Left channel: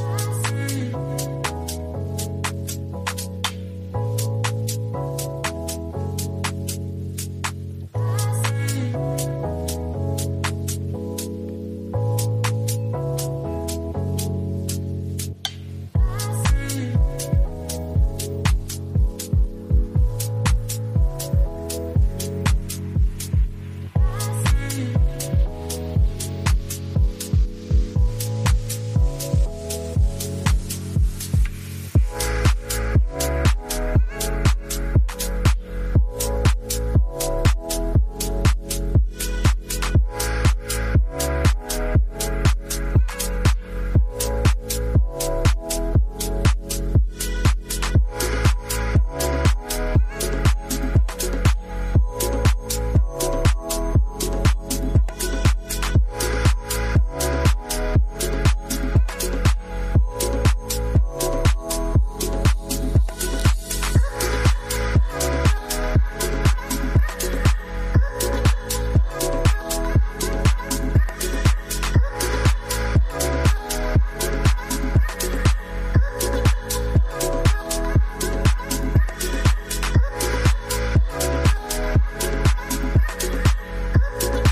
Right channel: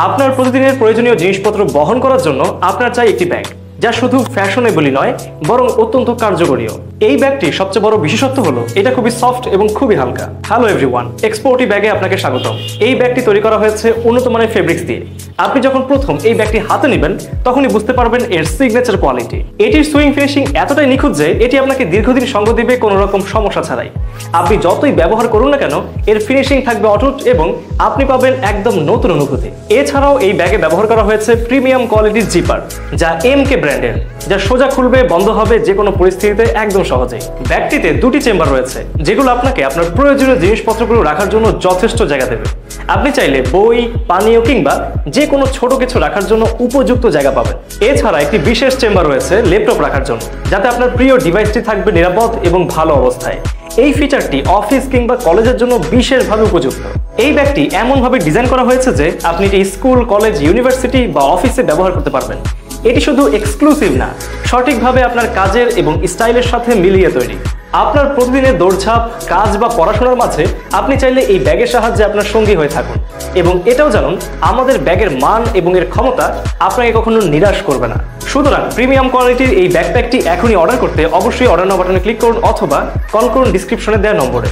আপনার প্রতিদিনের প্রয়োজনীয় জিনিসপত্র বহন করার জন্য আপনার চাই একটি ব্যাগ, যা শুধু ফ্যাশনেবলই নয় বরং অত্যন্ত কার্যকরীও। এই ব্যাগটির সবচেয়ে বড় বিশেষত্ব হলো এটা খুবই সফট এবং খুবই হালকা। হ্যালো এভরিওয়ান, এক্সপোর্টি ব্যাগে আপনাকে স্বাগতম। এই ব্যাগটি তৈরি করা হয়েছে উন্নত মানের ফেব্রিক্স দিয়ে। আপনি যখন প্রথম এই ব্যাগটি হাতে নেবেন তখনই বুঝতে পারবেন এর সিগনেচার কোয়ালিটি। এটির সুইং ফিনিশিং এতটাই নিখুঁত যে এটি আপনাকে দীর্ঘদিন সঙ্গ দিবে কোনো রকম সমস্যা ছাড়াই। আপনি যতই ব্যবহার করুন না কেন এর ফিনিশিং থাকবে অটুট এবং আপনি পাবেন একদম নতুন অনুভূতি। এছাড়াও এই ব্যাগে ব্যবহার করা হয়েছে প্রিমিয়াম কোয়ালিটির জিপার, যা এমকে ব্র্যান্ডের, যা সোজা খুলবে বন্ধ হবে যে কোনো পরিস্থিতিতে একদম সহজেই। ব্যাগটিতে দুটি চেম্বার রয়েছে যেগুলো আপনাকে আপনার প্রয়োজনীয় জিনিসপত্রগুলো রাখার জন্য যথেষ্ট জায়গা দেবে। আপনি চাইলে বই, পানীয় কিংবা যে কোনো ছোট কিছু রাখার জন্য উপযুক্ত জায়গা পাবেন। এছাড়া একটি বিশেষ চেম্বার রয়েছে ল্যাপটপ রাখার জন্য, যাতে আপনার প্রিয় ডিভাইসটি থাকবে নিরাপদ এবং ভালো অবস্থায়। এই ফিচারটি অফিস কিংবা কলেজের জন্য বিশেষভাবে উপযুক্ত। এই ব্যাগটি এমনভাবে ডিজাইন করা হয়েছে যে আপনি এটি স্কুল, কলেজ, ইউনিভার্সিটি বা অফিসে ব্যবহার করতে পারবেন। এটি শুধু এক্সক্লুসিভ না, সঠিকভাবে আপনার কাজের এবং স্টাইলের সাথে মিলিয়ে তৈরি। আপনার প্রতিদিনের দৌড়ঝাঁপ, কাজ বা পড়াশোনার মাঝে আপনি চাইলে এই ব্যাগের সাহায্যে আপনার সঙ্গী হয়ে থাকুন। এবং এটাও জানুন, আমাদের ব্যাগের মান এবং এর ক্ষমতা আপনাকে কখনো নিরাশ করবে না। সুতরাং প্রিমিয়াম কোয়ালিটির এই ব্যাকপ্যাকটি এখনই অর্ডার করতে অবশ্যই অর্ডার নাও বাটনে ক্লিক করুন অথবা কল করুন ডিসক্রিপশনে দেওয়া নম্বরে।